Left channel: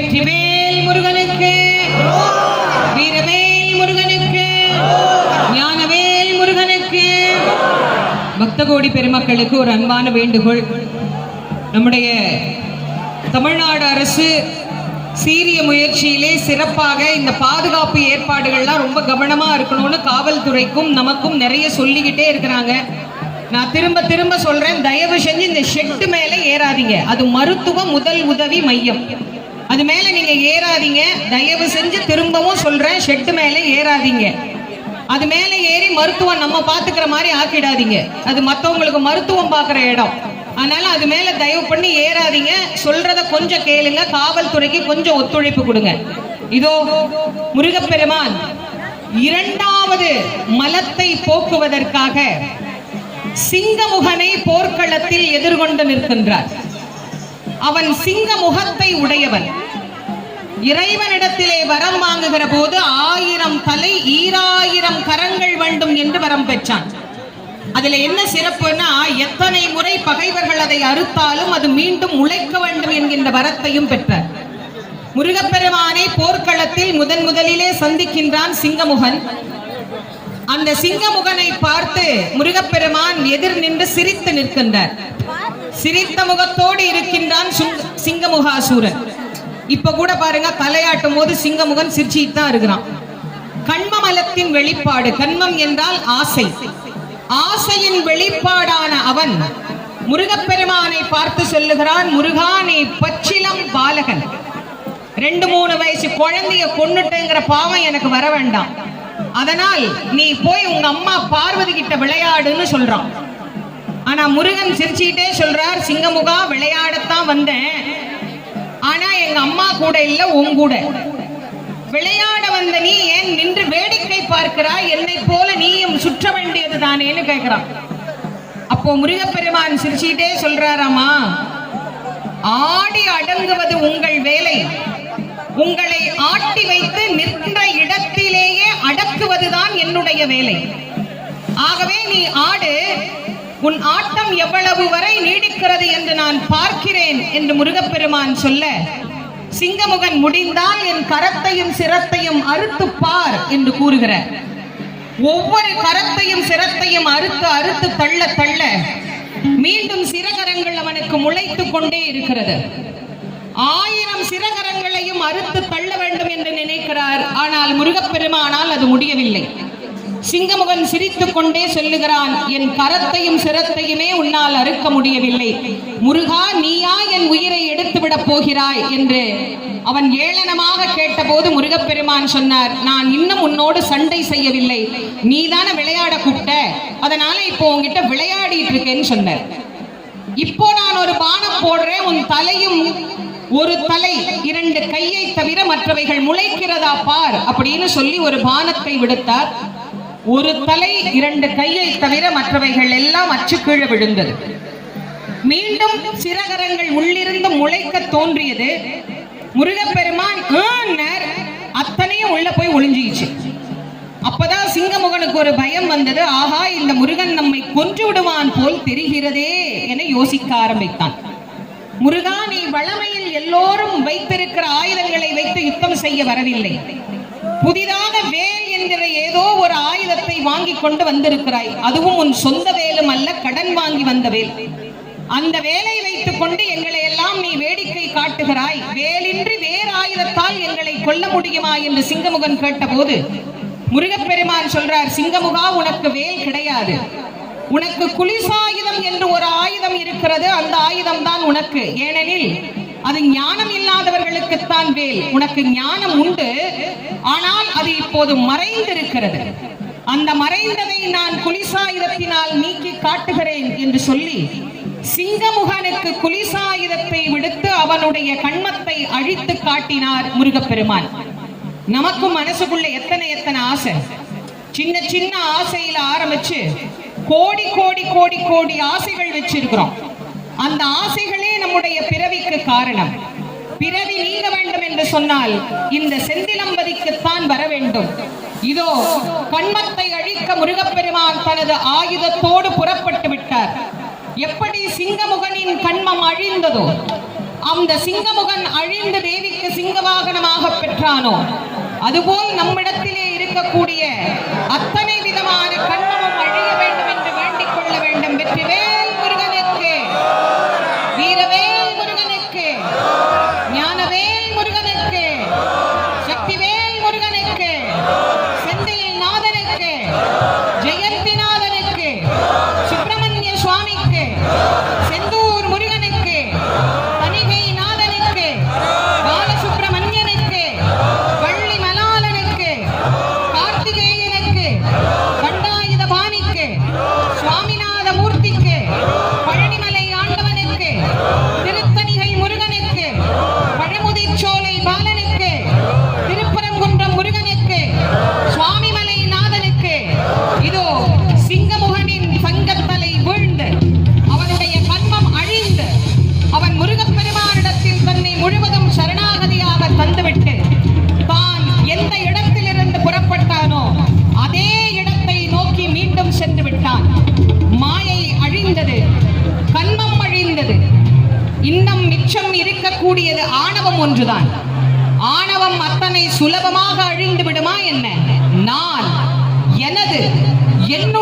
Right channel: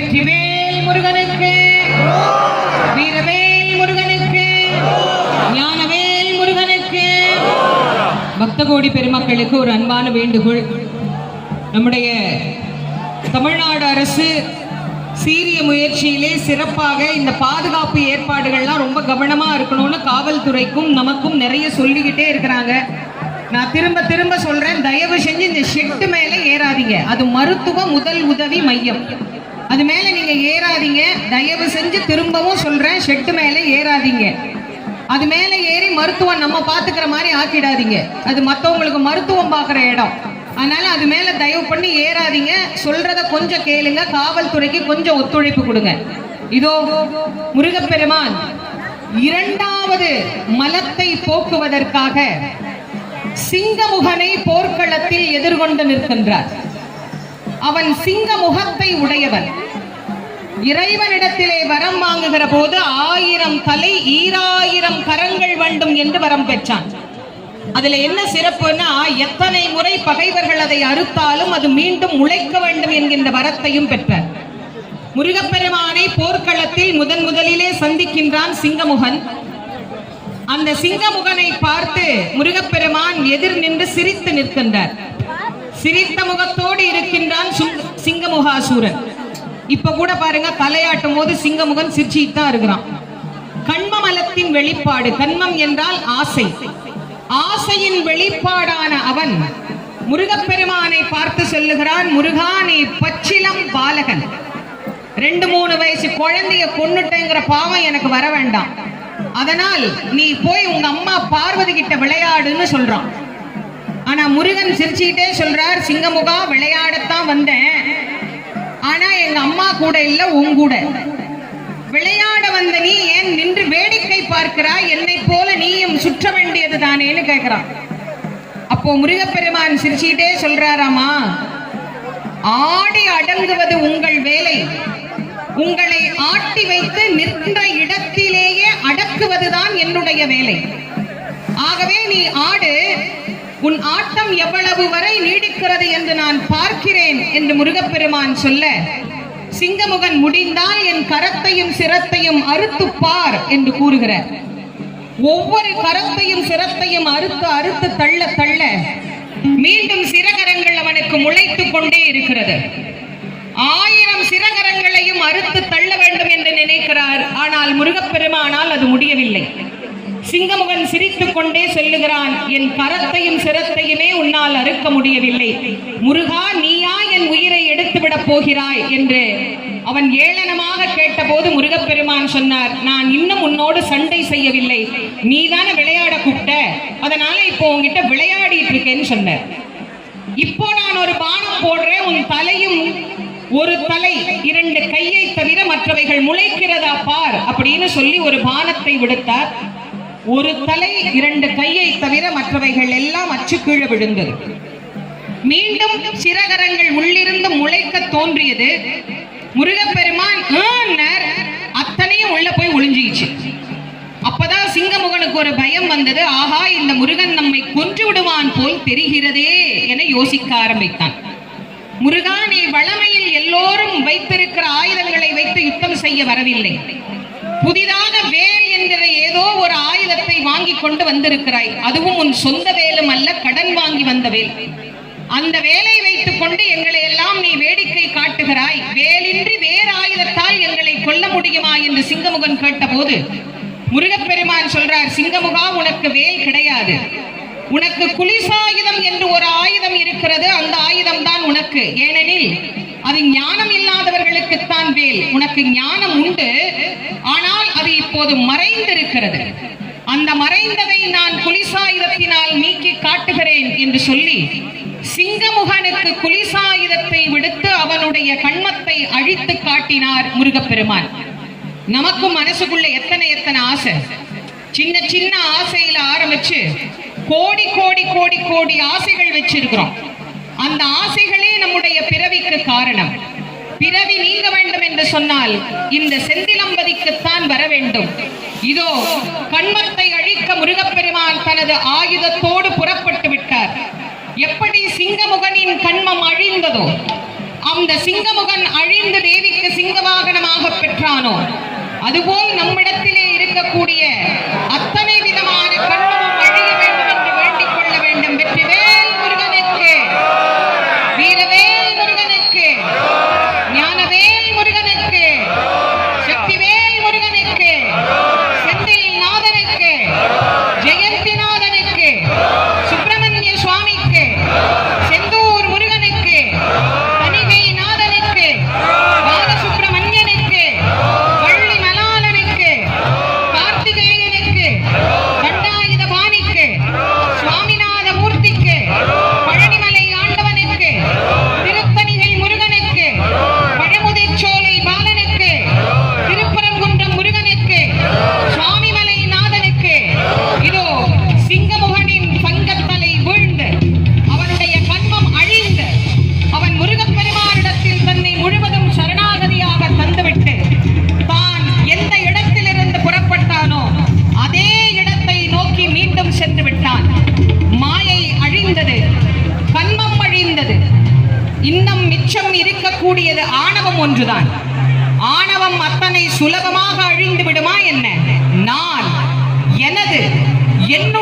வெற்றிவேல் முருகனுக்கு, வீரவேல் முருகனுக்கு, ஞானவேல் முருகனுக்கு. பக்த கோடி பெருமக்களுக்கு ஒரு அன்பான வேண்டுகோள். நம்முடைய தமிழ்நாடு அரசு சீரிய முயற்சியிலே சிறப்பாக இந்த பாதுகாப்பு ஏற்பாடுகள்லாம் ரொம்ப கவனமா இருக்கணும்னு காவல்துறைக்கும் நமக்கும் நிறைய சொல்லிக்கிட்டே இருக்கிறாங்க. நான் திரும்ப திரும்ப சொல்றேன், தயவு செஞ்சு இந்த ஷெட்டு மேல ஏறாதீங்க. அது மருத்துவ முதல் உதவி மையம், அது மேல நீங்க ஏறாதீங்க. தயவு செஞ்சு திரும்பவும் சொல்றேன், ஷெட்டு மேல ஏறாதீங்க. அது மேல ஏறி மருத்துவம் நம்ம பாத்துக்கிற மாதிரி ஆக்கிடாதீங்க. அது மத்தவங்களுக்கு மருத்துவம் பாக்குற இடம். அதனால அது மேல தயவு பண்ணி ஏறாதீங்க. சொல்றத கொஞ்சம் கேளுங்க, காவல்துறைக்கு கொஞ்சம் ஒத்துழைப்பு கொடுங்க. இதோ முருகப்பெருமான் இரண்டாவது மலத்தை போக்குவதற்காக சிங்கமுகனை போர்க்களத்தில் எதிர்கொண்டு நிற்கின்றார். அவன் சிங்க முகத்தை உடையவன். இறைவனிடத்திலே வரம் வாங்குகிற போது 1000 தலை 2000 கரங்கள் வேண்டும் என்று வரம் பெற்றான். அதுல என்ன சிறப்புன்னா, எத்தனை முறை பகைவர்கள் அதை அறுத்தாலும் அது மீண்டும் உழைக்க வேண்டும் என்கின்ற வரத்தையும் பெற்றார். முருகப்பெருமானை போர்க்களத்தில் முதலிலே சந்திக்கின்றான் சிங்கமுகன். அந்த சிங்கமுகனை பார்த்து முருகப்பெருமான் எதிர் நின்று சிரித்து நிற்கின்றார். சிரித்த முகத்தோடு இருக்கின்றான் சிங்கமுகாசூரன். இப்ப கூட பாருங்க, தலையாட்டும் போது சிங்கமுகன் சிரிச்சிட்டு தான் இருக்கிறான். கண்மமலத்தின் வெளிப்பாடு. கண்மம் என்றால் ஆசை. ஆசையின் வெளிப்பாடான அவன் முருகப்பெருமானை பார்த்து சொல்லுகிறான், முருகா, நீ பச்சிலம் பாலகன், 2-3 வயசு குழந்தைய கொன்னுட்டேங்கிற பாவம் எனக்கு வர வேண்டாம். அதனால் நீ போய் உங்க அம்மா பார்வதி கிட்ட விளையாடுன்னு சொல்றான். ஆனா முருகன் சிரிச்சுக்கிட்டே சொல்றார், சிங்கமுகா, விளையாடத்தான் வந்தேன், ஆனா எங்க அம்மா கூட இல்ல, உன் கூட. விளையாட வந்த நீ ஏன் நின்று வேடிக்கை பார்க்கிறாய்? என்னை போல நீயும் சுற்ற வேண்டியது தானேன்னு கேட்கிறான். அப்போ முருகப்பெருமான் சிரிச்சுக்கிட்டே சொல்றாராமா, ஆடி அடங்குவது உங்கள் வேலை, உங்களை ஆட்டி வைத்து நின்ற இடத்திலேயே அடக்குவதுதான் என்னுடைய வேலை. ஆகவே நீ ஆடு, உன் ஆட்டம் எவ்வளவு வரை நீடிக்கிறது என்று நான் பார்க்கிறேன் என்று முருகப்பெருமான் சொல்ல, சிங்கமுகன் முடிந்தால் என் கரத்தையும் சிரத்தையும் அறுத்து பார் என்று கூறுகிறார். ஒவ்வொரு கரத்தையும் சிரத்தையும் அறுத்து அறுத்து தள்ள தள்ள மீண்டும் சிரகரங்கள் அவனுக்கு முளைத்துக் கொண்டே இருக்கிறது. 1000 சிரகரங்களையும் அறுத்து தள்ள வேண்டும் என்று நினைக்கிறார். ஆனால் முருகப்பெருமானால் அது முடியவில்லை. சிங்கமுகன் சிரித்துக் கொண்டே சொல்லுகிறான், என் கரத்தையும் சிரத்தையுமே உன்னால் அறுக்க முடியவில்லை. முருகா, நீயா என் உயிரை எடுத்துவிடப் போகிறாய் என்று அவன் ஏளனமாக கேட்டபோது முருகப்பெருமான் சொன்னார், நான் இன்னும் உன்னோடு சண்டை செய்யவில்லை, நீதான விளையாட கூப்பிட்ட, அதனால இப்போ உன்கிட்ட விளையாடிட்டு இருக்கேன்னு சொன்னார். இப்போ நான் ஒரு பானம் போடுறேன், உன் தலையும் ஒரு தலை 2 கையை தவிர மற்றவைகள் முளைக்கிறதா பார் அப்படின்னு சொல்லி ஒரு பானத்தை விடுத்தார். ஒரு தலை 2 கையை தவிர மற்றவைகள் எல்லாம் அச்சு கீழே விழுந்தது. மீண்டும் சிரகரங்கள் உள்ளிருந்து முளைக்க தோன்றியது. முருகப்பெருமான் அத்தனையும் உள்ள போய் ஒளிஞ்சிச்சு. அப்பதான் சிங்கமுகனுக்கு ஒரு பயம் வந்தது. ஆஹா, இந்த முருகன் நம்மை கொன்று விடுவான் போல் தெரிகிறதே என யோசிக்க ஆரம்பித்தான். முருகா, நீ வளமையில் எல்லோரும் வைத்திருக்கிற ஆயுதங்களை வைத்து யுத்தம் செய்ய வரவில்லை. புதிதாக வேல் என்கிற ஏதோ ஒரு ஆயுதத்தை வாங்கி கொண்டு வந்திருக்கிறாய். அதுவும் உன் சொந்த வேலும் அல்ல, கடன் வாங்கி வந்த வேல். அந்த வேலை வைத்துக் கொண்டு எங்களை எல்லாம் நீ வேடிக்கை காட்டுகிறாய். வேலின்றி வேறு ஆயுதத்தால் எங்களை கொல்ல முடியுமா என்று சிங்கமுகன் கேட்டபோது முருகப்பெருமான் சொல்றார், சிங்கமுகா, உனக்கு வேல் கிடையாது, உனக்கு குலிசாயுதம் என்று ஒரு ஆயுதம் இருக்கிறது. அந்த ஆயுதம் தான் உனக்கு. ஏனெனில் அது ஞானம் இல்லாதவர்களுக்குத்தான் வேல். உனக்கு ஞானம் உண்டு, ஆனால் அது இப்போது மறைந்திருக்கிறது. அந்த மறைந்ததை நான் குலிசாயுதத்தினால் நீக்கி காட்டுகிறேன் என்று சொல்லி சிங்கமுகனுக்கு குலிசாயுதத்தை விடுத்து அவனுடைய கண்மத்தை அழித்து காட்டினார் முருகப்பெருமான். நமக்கும் மனசுக்குள்ள எத்தனை ஆசை, சின்ன சின்ன ஆசையில ஆரம்பிச்சு கோடி கோடி கோடி கோடி ஆசைகள் வச்சிருக்கிறோம். அந்த ஆசைகளே நம்முடைய பிறவிக்கு காரணம். பிறவி நீங்க வேண்டும் என்று சொன்னால் இந்த செந்திலம்பதிக்குத்தான் வர வேண்டும். இதோ கண்மத்தை அழிக்க முருகப்பெருமான் தனது ஆயுதத்தோடு புறப்பட்டு விட்டார். எப்படி சிங்கமுகனின் கண்மம் அழிந்ததோ, அந்த சிங்கமுகன் அழிந்து தேவிக்கு சிங்க வாகனமாக பெற்றானோ, அதுபோல் நம்மிடத்திலே இருக்கக்கூடிய அத்தனை விதமான கண்மமும் அழிய வேண்டும் என்று வேண்டிக் கொள்ள வேண்டும். வெற்றிவேல் முருகனுக்கு, வீரவேல் முருகனுக்கு, ஞானவேல் முருகனுக்கு, சக்திவேல் முருகனுக்கு, செந்தில் நாதனுக்கு, ஜெயந்தி நாதனுக்கு, சுப்பிரமணிய சுவாமிக்கு, செந்தூர் முருகனுக்கு, தணிகை நாதனுக்கு, பாலசுப்பிரமணியனுக்கு, வள்ளி மலாலனுக்கு, கார்த்திகேயனுக்கு, தண்டாயுத பாணிக்கு, சுவாமிநாத மூர்த்திக்கு, பழனிமலை ஆண்டவனுக்கு, திருத்தணிகை முருகனுக்கு, பழமுதிர்ச்சோலை பாலனுக்கு, திருப்பரங்குன்றம் முருகனுக்கு, சுவாமிமலை நாதனுக்கு, இதோ சிங்கமுகனின் சங்கத்தலை வீழ்ந்து அவனுடைய கண்மம் அழிந்து அவன் முருகப்பெருமானிடத்தில் தன்னை முழுவதும் சரணாகதியாக தந்துவிட்டு தான் எந்த இடத்திலிருந்து புறப்பட்டானோ அதே இடத்தை நோக்கி மீண்டும் சென்று விட்டான். மாயை அழிந்தது, கண்மம் அழிந்தது. இன்னும் மிச்சம் இருக்கக்கூடியது ஆணவம் ஒன்றுதான். ஆணவம் அத்தனை சுலபமாக அழிந்து விடுமா என்ன? நான், எனது, என்னுடைய